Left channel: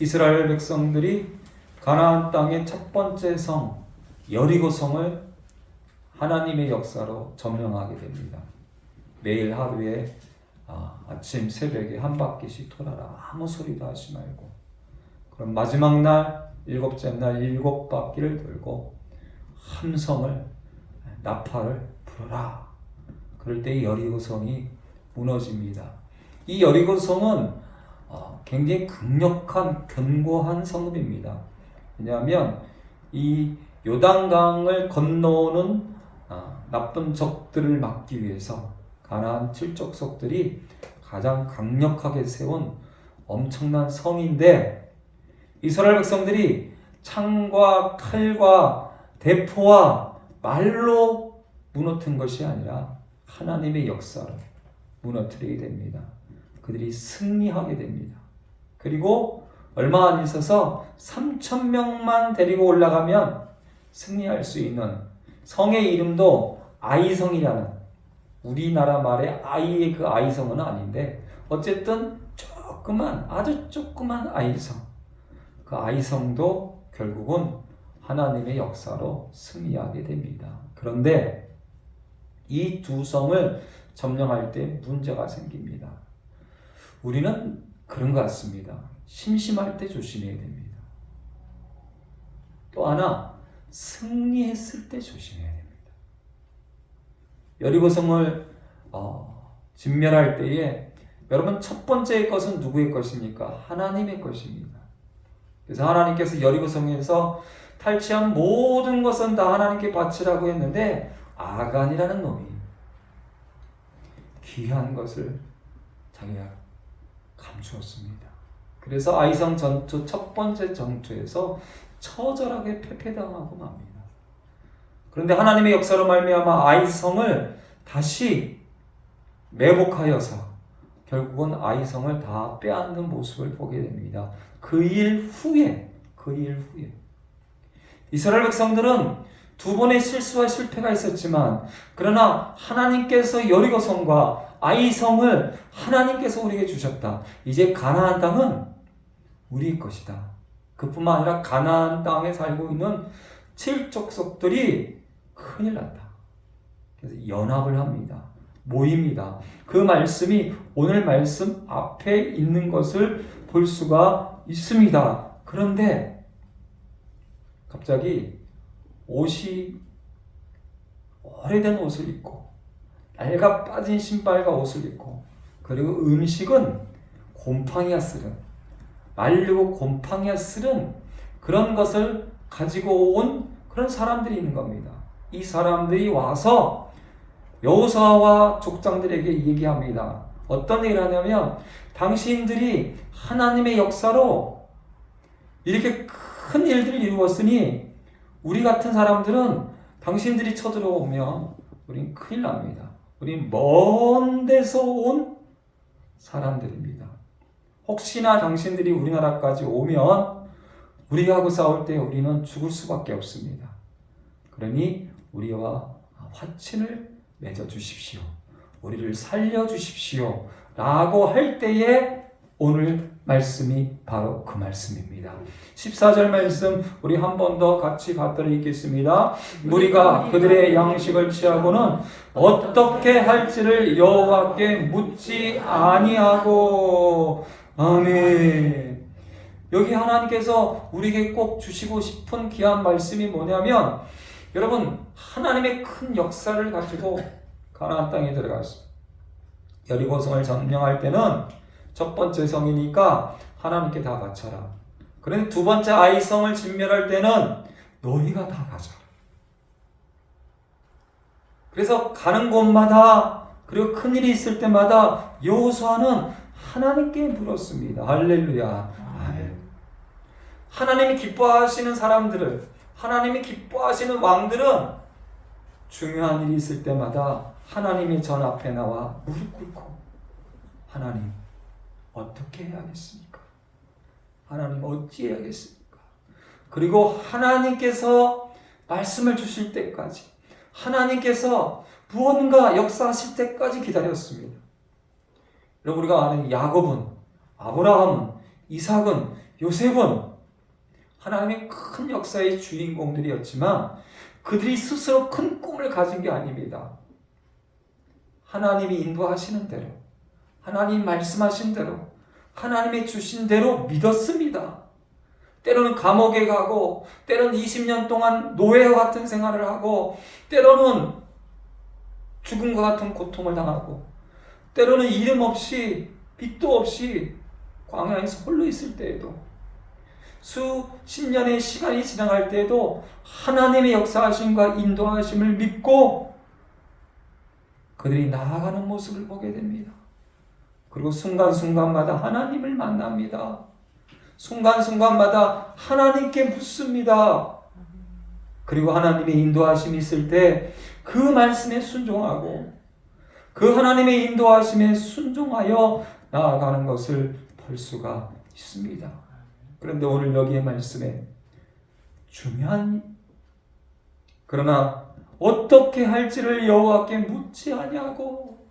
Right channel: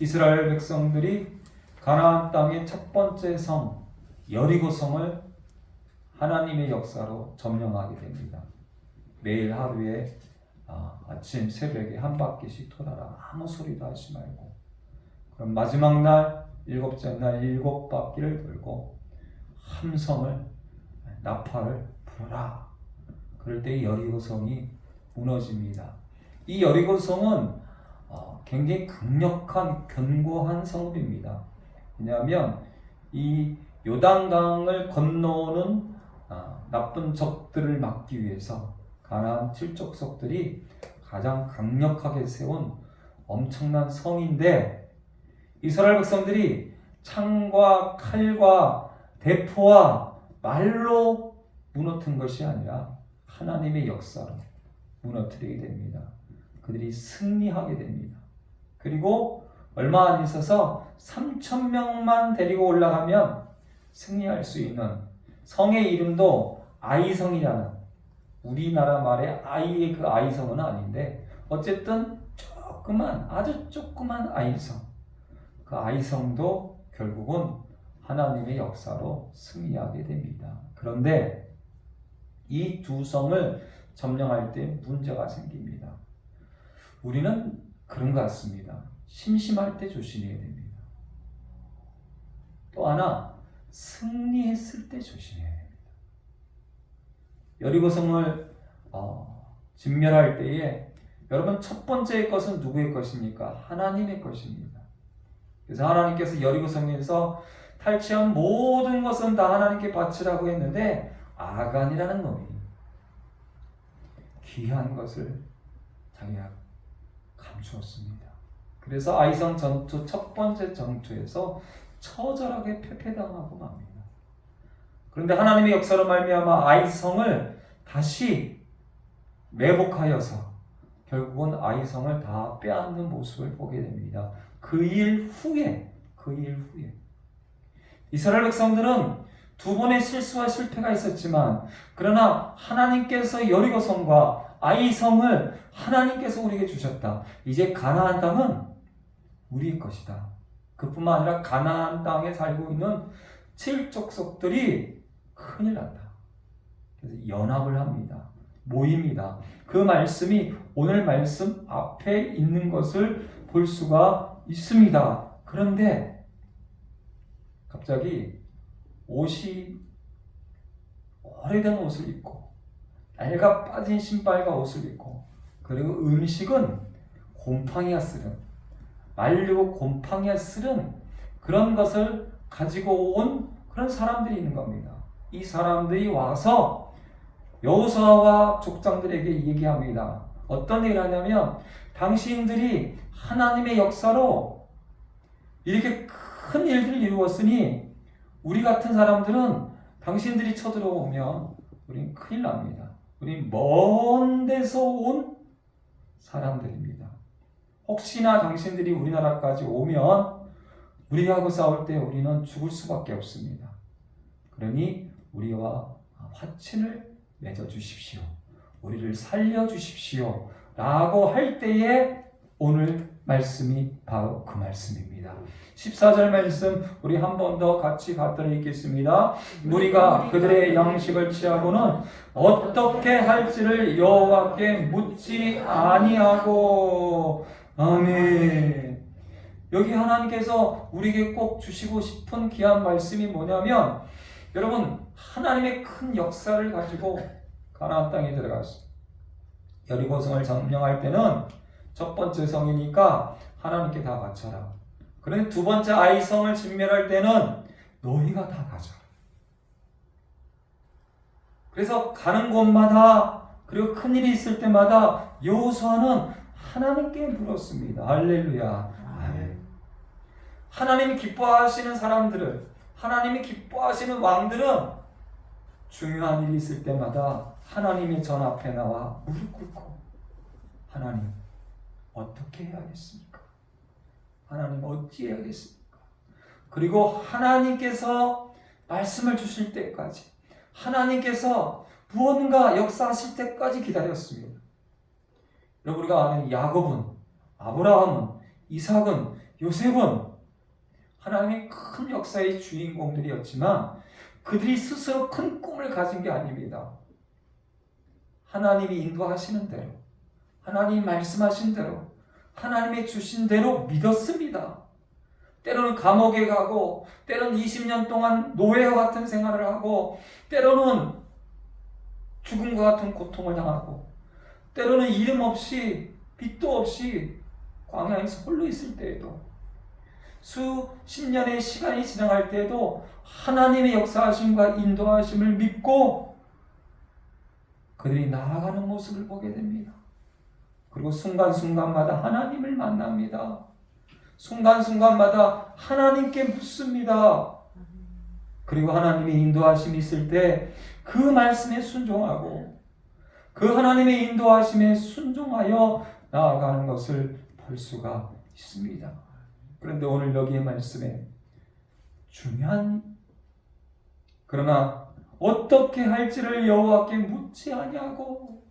이스라엘 백성들이 가나안 땅의 첫 번째 성 여리고성을 하나님의 역사로 점령하게 됩니다. 매일 하루에 아침 새벽에 한 바퀴씩 돌아라. 아무 소리도 하지 말고. 그럼 마지막 날 일곱째 날 7바퀴를 돌고 함성을 나팔을 불어라. 그럴 때 여리고성이 무너집니다. 이 여리고성은 굉장히 강력한 견고한 성읍입니다. 왜냐하면 이 요단강을 건너오는 나쁜 적들을 막기 위해서 가나안 7족속들이 가장 강력하게 세운 엄청난 성인데, 이스라엘 백성들이 창과 칼과 대포와 말로 무너뜨린 것이 아니라 하나님의 역사로 무너뜨리게 됩니다. 그들이 승리하게 됩니다. 그리고 얼마 안 있어서 3,000명만 데리고 올라가면 승리할 수 있는 성의 이름도 아이성이라는, 우리나라 말의 아이의 그 아이성은 아닌데 어쨌든 아주 조그만 아이성, 그 아이성도 결국은 하나님의 역사로 승리하게 됩니다. 그런데 이 두 성을 점령할 때 문제가 생깁니다. 우리는 그런 것 같습니다. 심심할 때 조심해야 됩니다. 또 하나, 승리했을 때 조심해야 됩니다. 여리고성을 진멸할 때에 여러분, 첫 번째 것은 누구의 것입니까? 하나님의 것입니다. 그래서 하나님께서 여리고성에서 탈취한 모든 것은 다 하나님께 바치라고 했는데 아간이라는 놈이 귀한 것을 자기가 감추었습니다. 그래서 아이성 전투 첫 번째 전투에서 처절하게 패배당하고 맙니다. 그런데 하나님의 역사로 말미암아 아이성을 다시 매복하여서 결국은 아이성을 다 빼앗는 모습을 보게 됩니다. 그 일 후에 이스라엘 백성들은 두 번의 실수와 실패가 있었지만, 그러나 하나님께서 여리고성과 아이성을 하나님께서 우리에게 주셨다. 이제 가나안 땅은 우리 것이다. 그뿐만 아니라 가나안 땅에 살고 있는 7족속들이 큰일 났다. 그래서 연합을 합니다. 모입니다. 그 말씀이 오늘 말씀 앞에 있는 것을 볼 수가 있습니다. 그런데 갑자기 옷이, 오래된 옷을 입고 낡아 빠진 신발과 옷을 입고, 그리고 음식은 곰팡이가 쓰는, 말리고 곰팡이가 쓰는 그런 것을 가지고 온 그런 사람들이 있는 겁니다. 이 사람들이 와서 여호수아와 족장들에게 얘기합니다. 어떤 얘기를 하냐면, 당신들이 하나님의 역사로 이렇게 큰 일들을 이루었으니 우리 같은 사람들은 당신들이 쳐들어오면 우린 큰일 납니다. 우린 먼 데서 온 사람들입니다. 혹시나 당신들이 우리나라까지 오면 우리하고 싸울 때 우리는 죽을 수밖에 없습니다. 그러니 우리와 화친을 맺어 주십시오. 우리를 살려 주십시오. 라고 할 때에 오늘 말씀이 바로 그 말씀입니다. 14절 말씀 우리 한 번 더 같이 받들어 읽겠습니다. 우리가 그들의 양식을 취하고는 어떻게 할지를 여호와께 묻지 아니하고. 아멘. 여기 하나님께서 우리에게 꼭 주시고 싶은 귀한 말씀이 뭐냐면, 여러분, 하나님의 큰 역사를 가지고 가나안 땅에 들어갔어요. 여리고성을 점령할 때는 첫 번째 성이니까 하나님께 다 바쳐라. 그런데 두 번째 아이성을 진멸할 때는 너희가 다 가져라. 그래서 가는 곳마다, 그리고 큰일이 있을 때마다 여호수아는 하나님께 물었습니다. 할렐루야. 아멘. 하나님이 기뻐하시는 사람들을, 하나님이 기뻐하시는 왕들은 중요한 일이 있을 때마다 하나님의 전 앞에 나와 무릎 꿇고, 하나님 어떻게 해야겠습니까? 하나님 어찌해야겠습니까? 그리고 하나님께서 말씀을 주실 때까지, 하나님께서 무언가 역사하실 때까지 기다렸습니다. 여러분, 우리가 아는 야곱은, 아브라함은 이삭은, 요셉은 하나님의 큰 역사의 주인공들이었지만 그들이 스스로 큰 꿈을 가진 게 아닙니다. 하나님이 인도하시는 대로, 하나님 말씀하신 대로, 하나님의 주신 대로 믿었습니다. 때로는 감옥에 가고, 때로는 20년 동안 노예와 같은 생활을 하고, 때로는 죽음과 같은 고통을 당하고, 때로는 이름 없이, 빛도 없이 광야에서 홀로 있을 때에도, 수십 년의 시간이 지나갈 때에도 하나님의 역사하심과 인도하심을 믿고 그들이 나아가는 모습을 보게 됩니다. 그리고 순간순간마다 하나님을 만납니다. 순간순간마다 하나님께 묻습니다. 그리고 하나님의 인도하심이 있을 때 그 말씀에 순종하고 그 하나님의 인도하심에 순종하여 나아가는 것을 볼 수가 있습니다. 그런데 오늘 여기의 말씀에 중요한, 그러나 어떻게 할지를 여호와께 묻지 아니하고,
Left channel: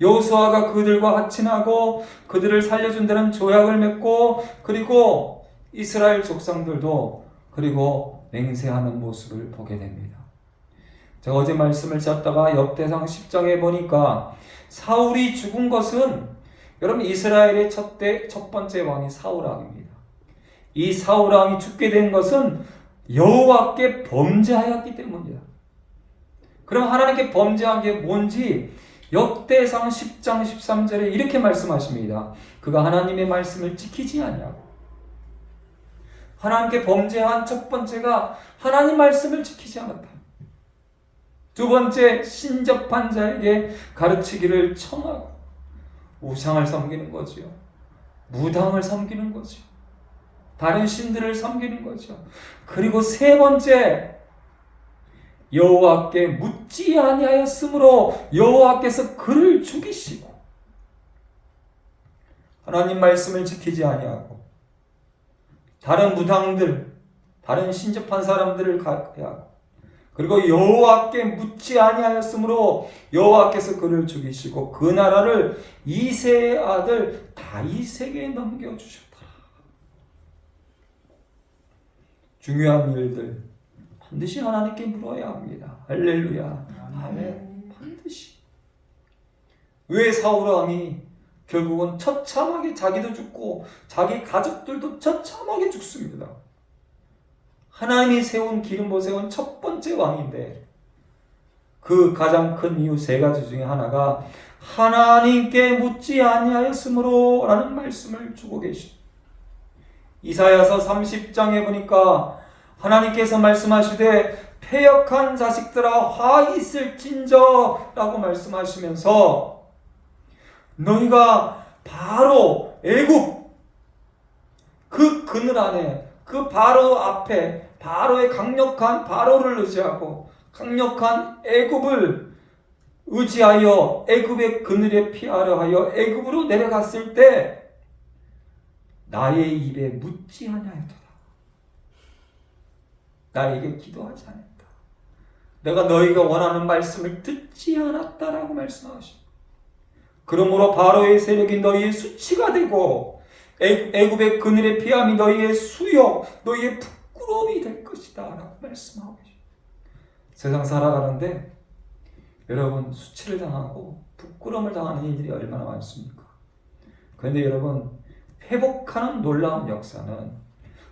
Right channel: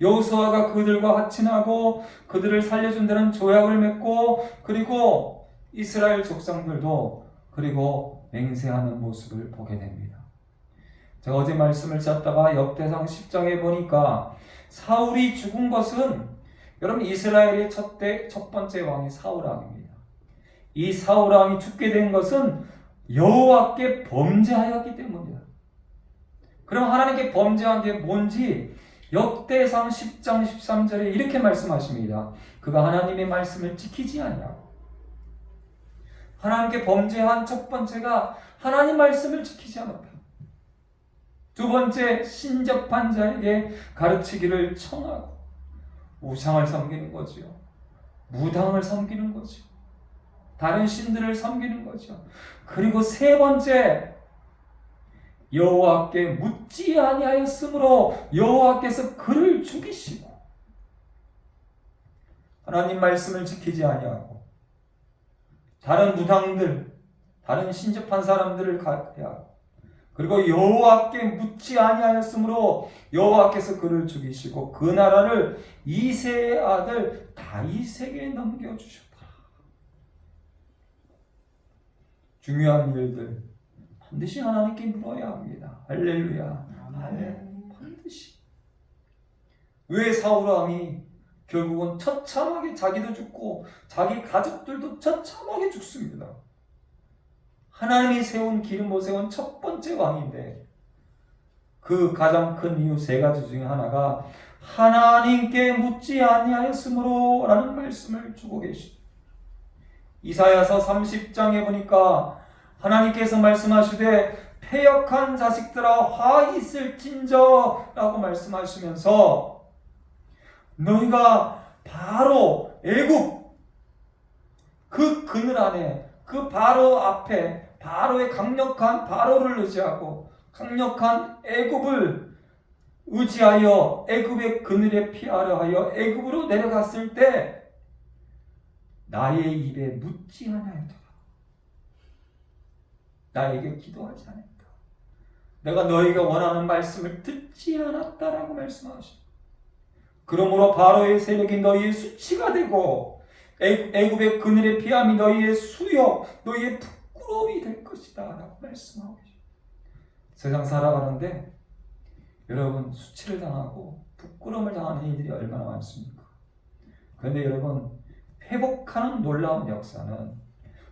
여호수아가 그들과 화친하고 그들을 살려준다는 조약을 맺고, 그리고 이스라엘 족상들도 그리고 맹세하는 모습을 보게 됩니다. 제가 어제 말씀을 찾다가 역대상 10장에 보니까 사울이 죽은 것은, 여러분, 이스라엘의 첫 번째 왕이 사울 왕입니다. 이 사울 왕이 죽게 된 것은 여호와께 범죄하였기 때문이다. 그럼 하나님께 범죄한 게 뭔지 역대상 10장 13절에 이렇게 말씀하십니다. 그가 하나님의 말씀을 지키지 아니하고. 하나님께 범죄한 첫 번째가 하나님 말씀을 지키지 않았다. 두 번째, 신접한 자에게 가르치기를 청하고 우상을 섬기는 거지요. 무당을 섬기는 거지요. 다른 신들을 섬기는 거죠. 그리고 세 번째, 여호와께 묻지 아니하였으므로 여호와께서 그를 죽이시고, 하나님 말씀을 지키지 아니하고 다른 무당들, 다른 신접한 사람들을 가하고, 그리고 여호와께 묻지 아니하였으므로 여호와께서 그를 죽이시고 그 나라를 이새의 아들 다윗에게 넘겨주셨다. 중요한 일들 반드시 하나님께 물어야 합니다. 할렐루야. 아멘. 반드시. 왜 사울 왕이 결국은 처참하게 자기도 죽고 자기 가족들도 처참하게 죽습니다. 하나님이 세운, 기름 세운 첫 번째 왕인데 그 가장 큰 이유 세 가지 중에 하나가 하나님께 묻지 아니하였으므로 라는 말씀을 주고 계십니다. 이사야서 30장에 보니까 하나님께서 말씀하시되 패역한 자식들아 화 있을진저 라고 말씀하시면서 너희가 바로 애굽 그 그늘 안에, 그 바로 앞에 바로의 강력한 바로를 의지하고 강력한 애굽을 의지하여 애굽의 그늘에 피하려 하여 애굽으로 내려갔을 때 나의 입에 묻지 아니하였다. 나에게 기도하지 않았다. 내가 너희가 원하는 말씀을 듣지 않았다라고 말씀하십니다. 그러므로 바로의 세력이 너희의 수치가 되고 애굽의 그늘의 피함이 너희의 수욕, 너희의 부끄러움이 될 것이다 라고 말씀하고 계십니다. 세상 살아가는데 여러분, 수치를 당하고 부끄러움을 당하는 일들이 얼마나 많습니까? 그런데 여러분, 회복하는 놀라운 역사는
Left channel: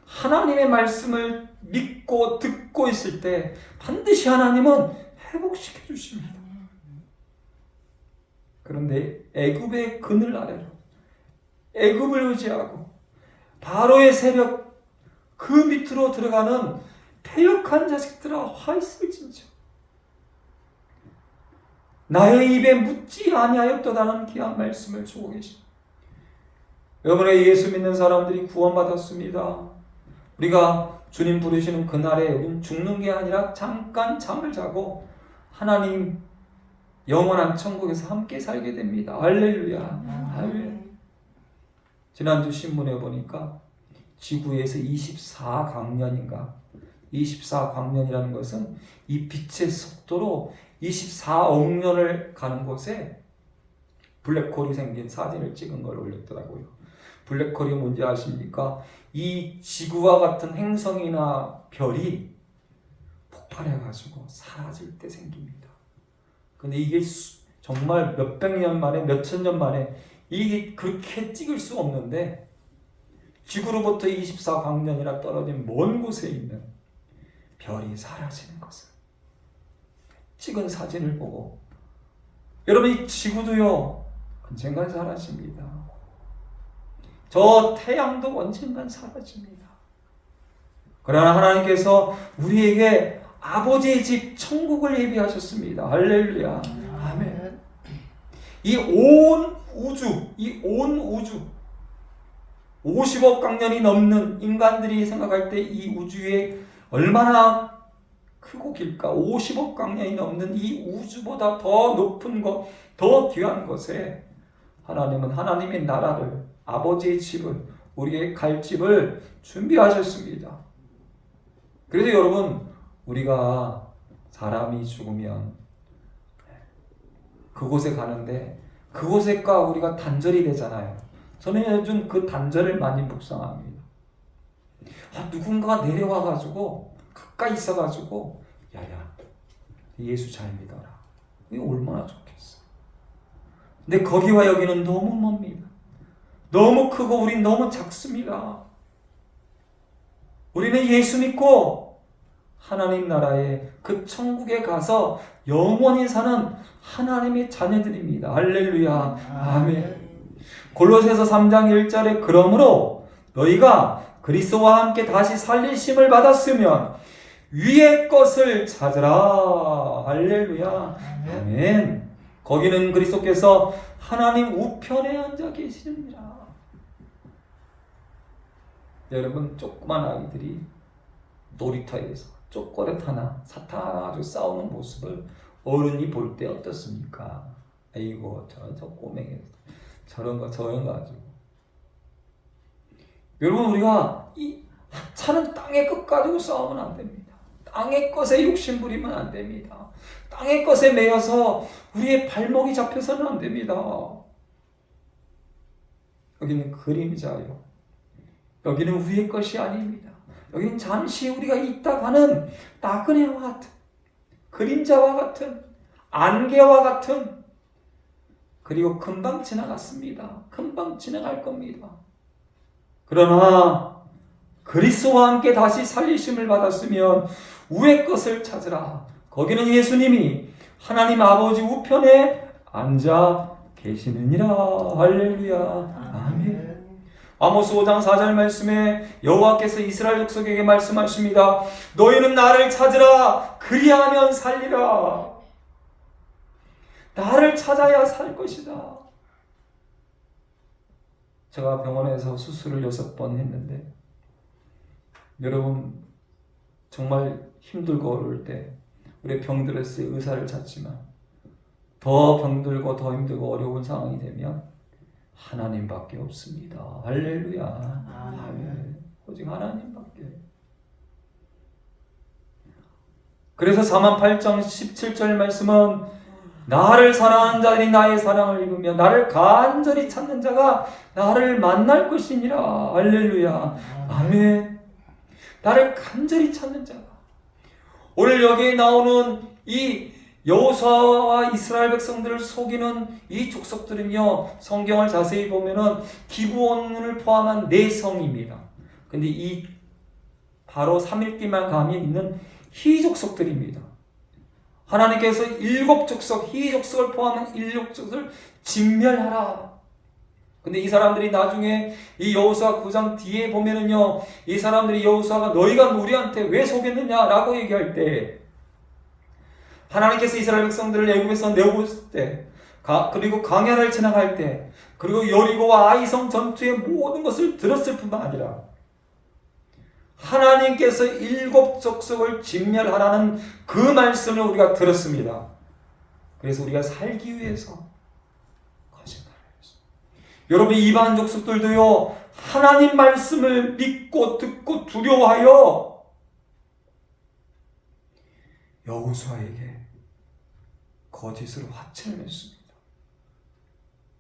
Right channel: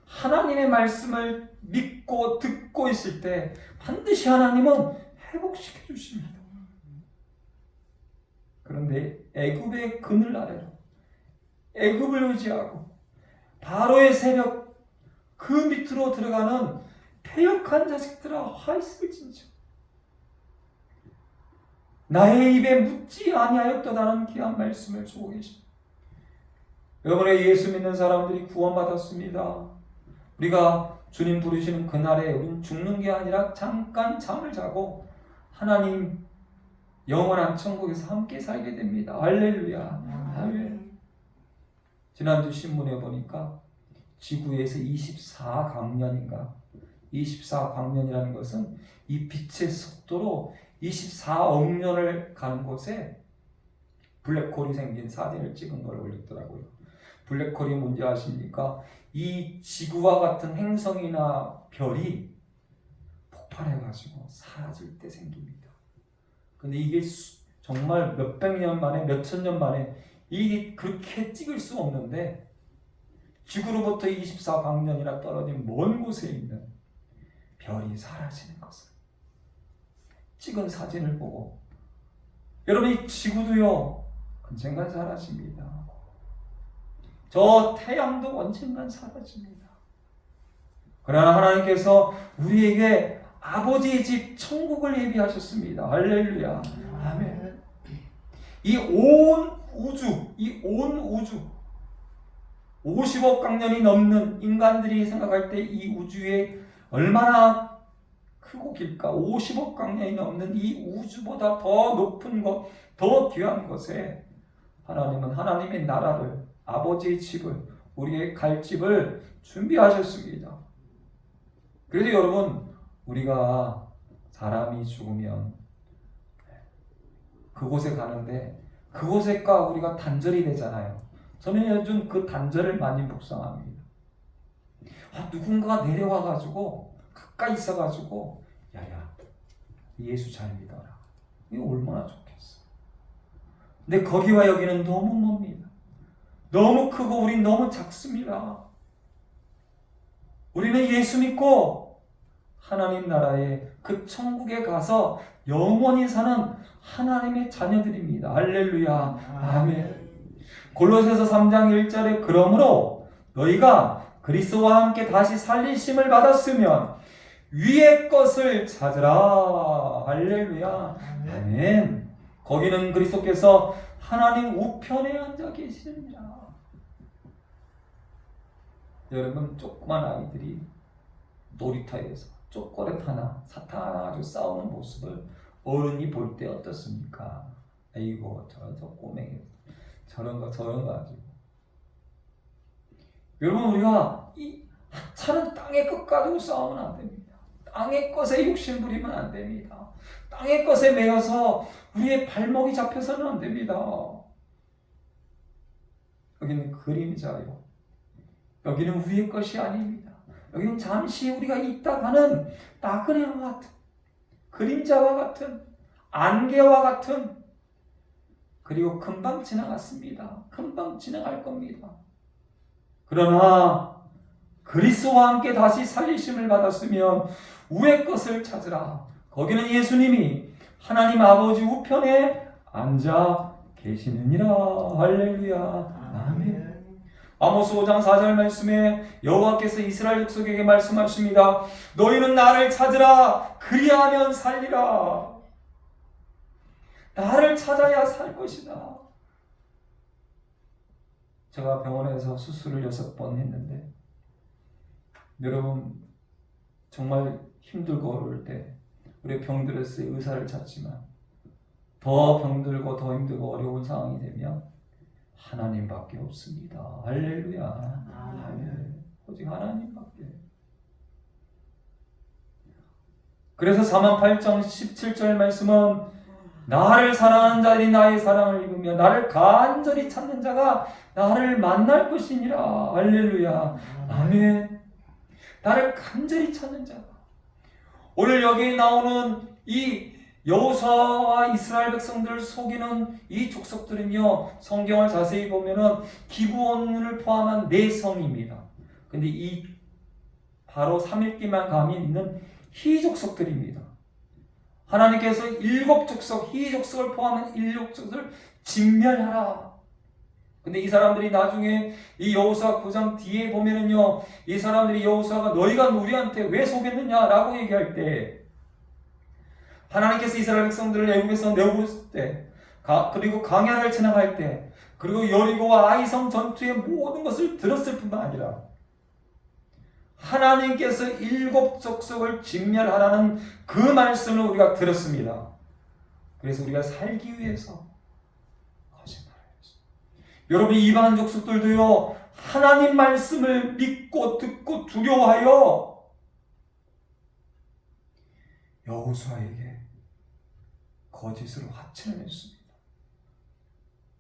하나님의 말씀을 믿고 듣고 있을 때 반드시 하나님은 회복시켜 주십니다. 그런데 애굽의 그늘 아래로 애굽을 의지하고 바로의 세력 그 밑으로 들어가는 패역한 자식들아 화 있을진저 나의 입에 묻지 아니하였도다라는 귀한 말씀을 주고 계십니다. 여러분의 예수 믿는 사람들이 구원받았습니다. 우리가 주님 부르시는 그날에 우리는 죽는 게 아니라 잠깐 잠을 자고 하나님 영원한 천국에서 함께 살게 됩니다. 할렐루야. 할렐루야. 지난주 신문에 보니까 지구에서 24광년인가 24광년이라는 것은 이 빛의 속도로 24억 년을 가는 곳에 블랙홀이 생긴 사진을 찍은 걸 올렸더라고요. 블랙홀이 뭔지 아십니까? 이 지구와 같은 행성이나 별이 폭발해가지고 사라질 때 생깁니다. 근데 이게 정말 몇백 년 만에, 몇천 년 만에 이게 그렇게 찍을 수 없는데 지구로부터 24광년이나 떨어진 먼 곳에 있는 별이 사라지는 것을 찍은 사진을 보고 여러분 이 지구도요 언젠간 사라집니다. 저 태양도 언젠간 사라집니다. 그러나 하나님께서 우리에게 아버지의 집 천국을 예비하셨습니다. 할렐루야. 아멘. 이 온 우주 50억 광년이 넘는 인간들이 생각할 때 이 우주에 얼마나 크고 길까? 50억 광년이 넘는 이 우주보다 더 높은 것, 더 귀한 것에 하나님은 하나님의 나라를, 아버지의 집을, 우리의 갈 집을 준비하셨습니다. 그래서 여러분, 우리가 사람이 죽으면 그곳에 가는데 그곳에가 우리가 단절이 되잖아요. 저는 요즘 그 단절을 많이 묵상합니다. 누군가가 내려와가지고 가까이 있어가지고 야야 예수 잘 믿어라. 이거 얼마나 좋겠어. 근데 거기와 여기는 너무 멉니다. 너무 크고 우린 너무 작습니다. 우리는 예수 믿고 하나님 나라의 그 천국에 가서 영원히 사는 하나님의 자녀들입니다. 할렐루야. 아멘. 골로새서 3장 1절에 그러므로 너희가 그리스도와 함께 다시 살리심을 받았으면 위의 것을 찾으라. 할렐루야. 아멘. 거기는 그리스도께서 하나님 우편에 앉아 계시느니라. 여러분 조그만 아이들이 놀이터에서 초콜릿 하나, 사탕 하나 가지고 싸우는 모습을 어른이 볼 때 어떻습니까? 아이고 저 꼬맹이 저런 거 가지고. 여러분 우리가 이 차는 땅의 것 가지고 싸우면 안 됩니다. 땅의 것에 욕심 부리면 안 됩니다. 땅의 것에 매여서 우리의 발목이 잡혀서는 안 됩니다. 여기는 그림자요. 여기는 위의 것이 아닙니다. 여기는 잠시 우리가 있다 가는 나그네와 같은, 그림자와 같은, 안개와 같은, 그리고 금방 지나갔습니다. 금방 지나갈 겁니다. 그러나 그리스도와 함께 다시 살리심을 받았으면 위의 것을 찾으라. 거기는 예수님이 하나님 아버지 우편에 앉아 계시느니라. 할렐루야. 아멘. 아모스 5장 4절 말씀에 여호와께서 이스라엘 족속에게 말씀하십니다. 너희는 나를 찾으라. 그리하면 살리라. 나를 찾아야 살 것이다. 제가 병원에서 수술을 6번 했는데 여러분 정말 힘들고 어려울 때 우리 병들었을 때 의사를 찾지만 더 병들고 더 힘들고 어려운 상황이 되면 하나님밖에 없습니다. 할렐루야. 아멘. 오직 하나님밖에. 그래서 4만8장 17절 말씀은 나를 사랑하는 자들이 나의 사랑을 입으며 나를 간절히 찾는 자가 나를 만날 것이니라. 할렐루야. 아멘. 나를 간절히 찾는 자가. 오늘 여기에 나오는 이 여호수아와 이스라엘 백성들을 속이는 이 족속들은요, 성경을 자세히 보면은 기브온을 포함한 4성입니다. 근데 이 바로 3일기만 감이 있는 희족속들입니다. 하나님께서 7족속, 희족속을 포함한 7족속을 진멸하라. 근데 이 사람들이 나중에 이 여호수아 9장 뒤에 보면은요, 이 사람들이 여호수아가 너희가 우리한테 왜 속였느냐라고 얘기할 때 하나님께서 이스라엘 백성들을 애굽에서 내어보실 때, 그리고 광야를 지나갈 때, 그리고 여리고와 아이성 전투의 모든 것을 들었을 뿐만 아니라 하나님께서 7족속을 진멸하라는 그 말씀을 우리가 들었습니다. 그래서 우리가 살기 위해서 거짓말을 했습니다. 여러분 이방 족속들도요, 하나님 말씀을 믿고 듣고 두려워하여 여호수아에게 거짓으로 화친을 냈습니다.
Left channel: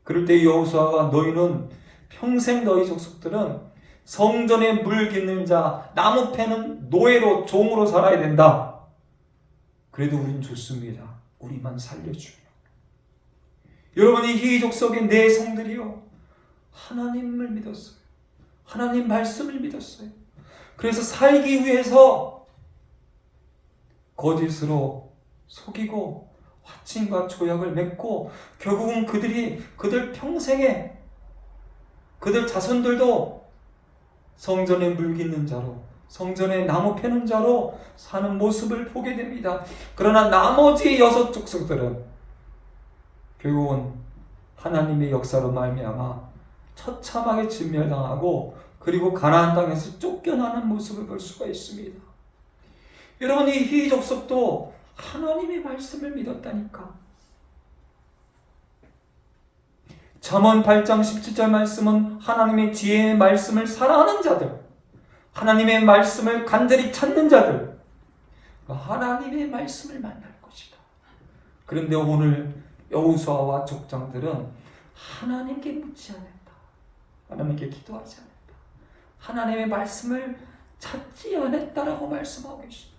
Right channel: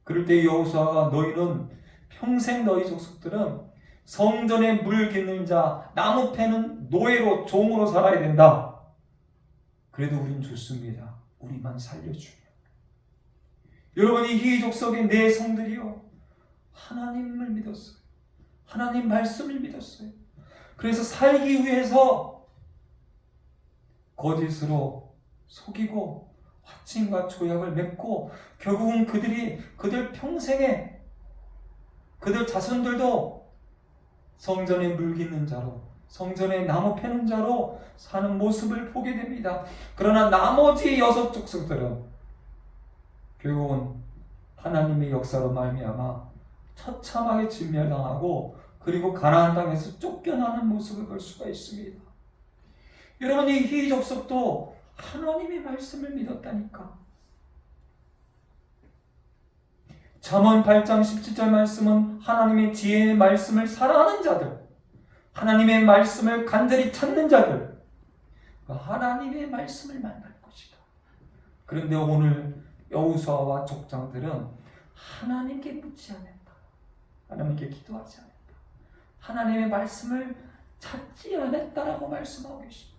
그럴 때 여호수아가 너희는 평생 너희 족속들은 성전에 물 깃는 자, 나무 패는 노예로 종으로 살아야 된다. 그래도 우린 좋습니다. 우리만 살려주며. 여러분이 이 족속의 내 성들이요, 하나님을 믿었어요. 하나님 말씀을 믿었어요. 그래서 살기 위해서 거짓으로 속이고 화친과 조약을 맺고 결국은 그들 평생에 그들 자손들도 성전에 물 깃는 자로, 성전에 나무 패는 자로 사는 모습을 보게 됩니다. 그러나 나머지 6 족속들은 결국은 하나님의 역사로 말미암아 처참하게 진멸당하고 그리고 가나안 땅에서 쫓겨나는 모습을 볼 수가 있습니다. 여러분이 이 족속도 하나님의 말씀을 믿었다니까. 잠언 8장 17절 말씀은 하나님의 지혜의 말씀을 사랑하는 자들, 하나님의 말씀을 간절히 찾는 자들, 하나님의 말씀을 만날 것이다. 그런데 오늘 여호수아와 족장들은 하나님께 묻지 않았다. 하나님께 기도하지 않았다. 하나님의 말씀을 찾지 않았다라고 말씀하고 계십니다.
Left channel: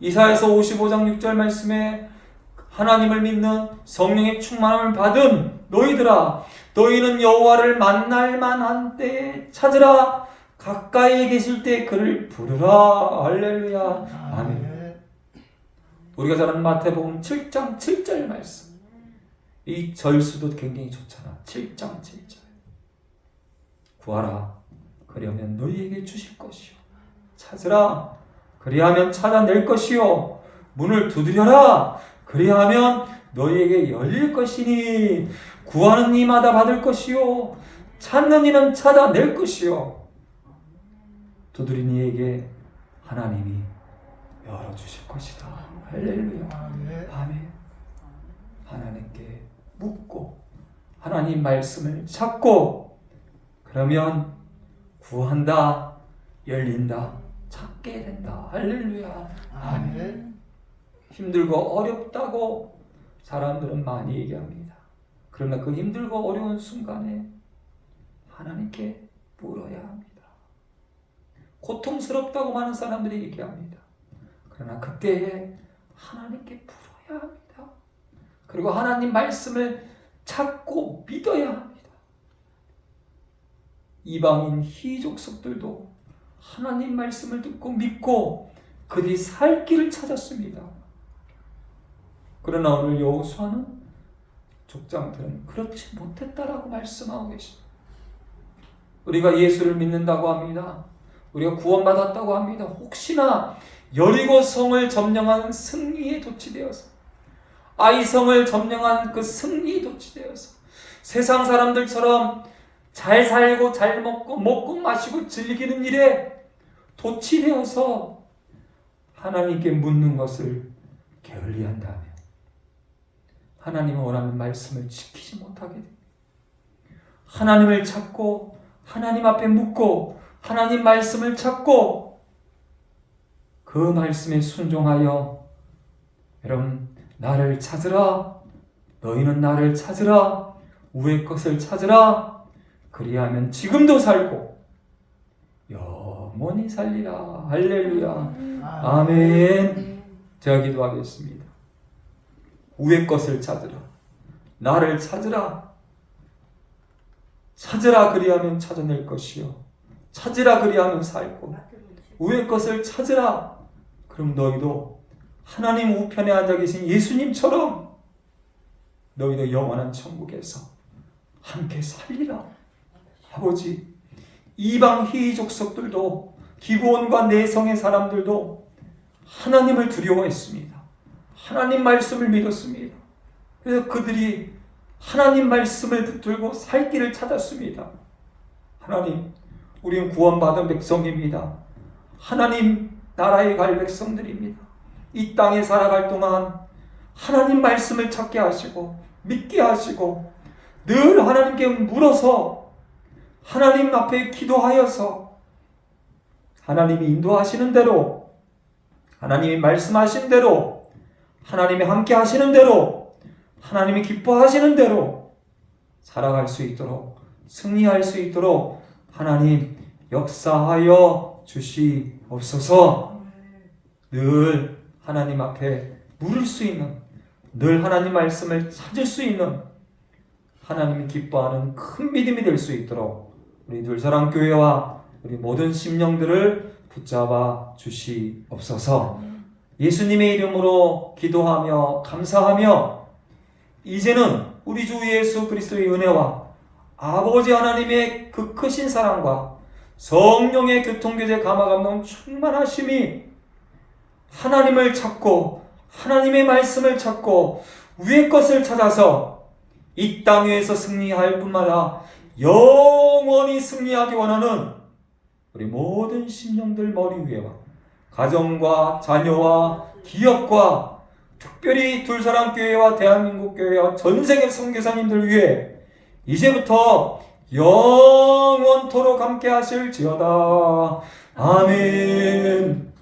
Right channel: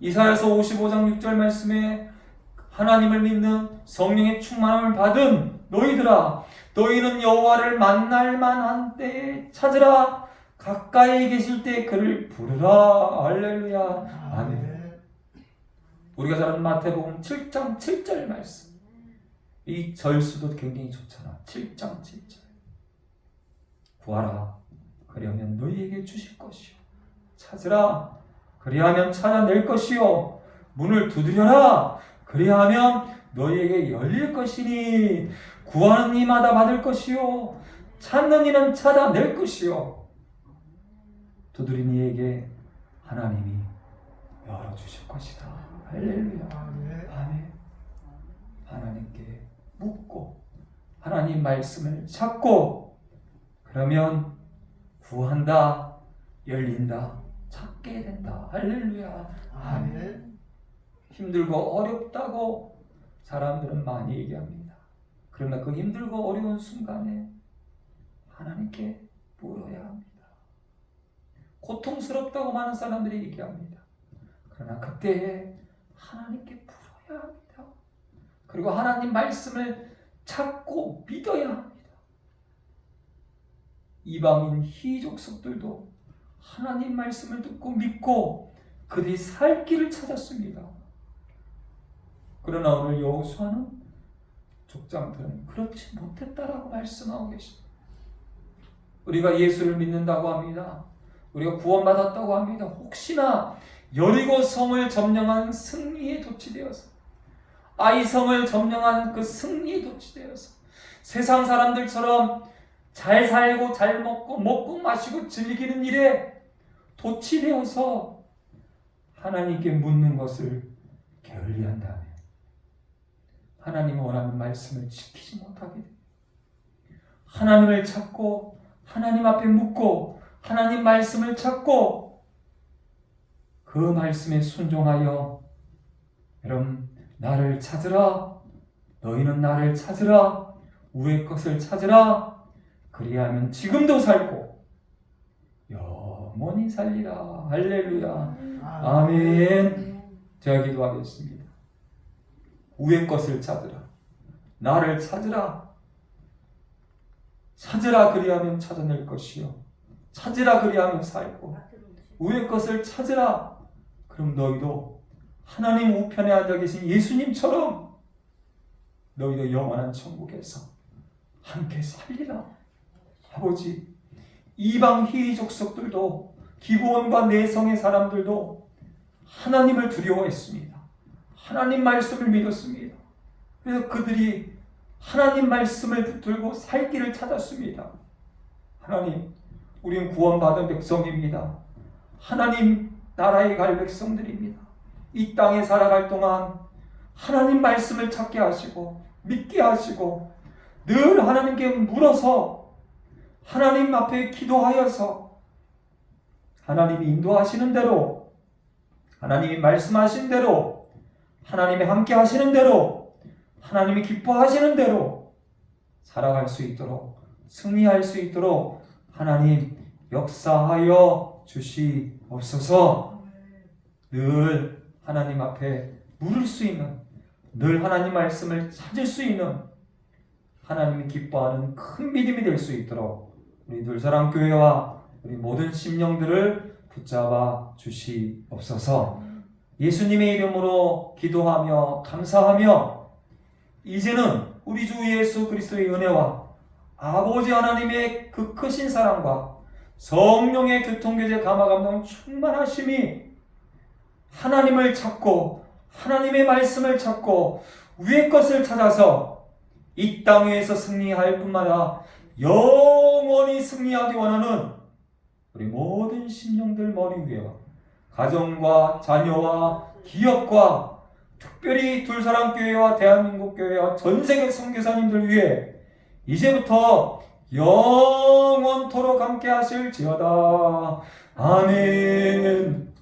이사야서 55장 6절 말씀에 하나님을 믿는 성령의 충만함을 받은 너희들아, 너희는 여호와를 만날 만한 때에 찾으라. 가까이 계실 때 그를 부르라. 할렐루야. 아멘. 우리가 잘 아는 마태복음 7장 7절 말씀. 이 절수도 굉장히 좋잖아. 7장 7절. 구하라. 그리하면 너희에게 주실 것이요. 찾으라. 그리하면 찾아낼 것이요. 문을 두드려라. 그리하면 너희에게 열릴 것이니 구하는 이마다 받을 것이요. 찾는 이는 찾아낼 것이요. 두드린 이에게 하나님이 열어주실 것이다. 할렐루야. 아멘. 하나님께 묻고 하나님 말씀을 찾고 그러면 구한다, 열린다, 찾게 된다. 할렐루야. 아멘. 힘들고 어렵다고 사람들은 많이 얘기합니다. 그러나 그 힘들고 어려운 순간에 하나님께 물어야 합니다. 고통스럽다고 많은 사람들이 얘기합니다. 그러나 그때에 하나님께 물어야 합니다. 그리고 하나님 말씀을 찾고 믿어야 합니다. 이방인 희족속들도 하나님 말씀을 듣고 믿고 그들이 살 길을 찾았습니다. 그러나 오늘 여호수아는 족장들은 그렇지 못했다라고 말씀하고 계십니다. 우리가 예수를 믿는다고 합니다. 우리가 구원받았다고 합니다. 혹시나 여리고성을 점령한 승리에 도취되어서, 아이성을 점령한 그 승리에 도취되어서 세상 사람들처럼 잘 살고 잘 먹고 마시고 즐기는 일에 도취되어서 하나님께 묻는 것을 게을리한다면 하나님이 원하는 말씀을 지키지 못하게 됩니다. 하나님을 찾고 하나님 앞에 묻고 하나님 말씀을 찾고 그 말씀에 순종하여 여러분 나를 찾으라. 너희는 나를 찾으라. 우의 것을 찾으라. 그리하면 지금도 살고 영원히 살리라. 할렐루야. 아멘. 제가 기도하겠습니다. 우의 것을 찾으라. 나를 찾으라. 찾으라 그리하면 찾아낼 것이요. 찾으라 그리하면 살고. 우의 것을 찾으라. 그럼 너희도 하나님 우편에 앉아 계신 예수님처럼 너희도 영원한 천국에서 함께 살리라. 아버지, 이방 희족속들도 기브온과 내성의 사람들도 하나님을 두려워했습니다. 하나님 말씀을 믿었습니다. 그래서 그들이 하나님 말씀을 붙들고 살 길을 찾았습니다. 하나님, 우리는 구원받은 백성입니다. 하나님 나라에 갈 백성들입니다. 이 땅에 살아갈 동안 하나님 말씀을 찾게 하시고 믿게 하시고 늘 하나님께 물어서 하나님 앞에 기도하여서 하나님이 인도하시는 대로, 하나님이 말씀하신 대로, 하나님이 함께 하시는 대로, 하나님이 기뻐하시는 대로 살아갈 수 있도록 승리할 수 있도록 하나님 역사하여 주시옵소서. 늘 하나님 앞에 물을 수 있는, 늘 하나님 말씀을 찾을 수 있는 하나님이 기뻐하는 큰 믿음이 될 수 있도록 우리 둘사랑교회와 우리 모든 심령들을 붙잡아 주시옵소서. 예수님의 이름으로 기도하며 감사하며 이제는 우리 주 예수 그리스도의 은혜와 아버지 하나님의 그 크신 사랑과 성령의 교통교제 감화감동 충만하심이 하나님을 찾고 하나님의 말씀을 찾고 위의 것을 찾아서 이 땅 위에서 승리할 뿐마다 영원히 승리하기 원하는 우리 모든 심령들 머리 위에와 가정과 자녀와 기업과 특별히 둘사랑교회와 대한민국 교회와 전세계 선교사님들 위해 이제부터 영원토록 함께 하실지어다. 아멘.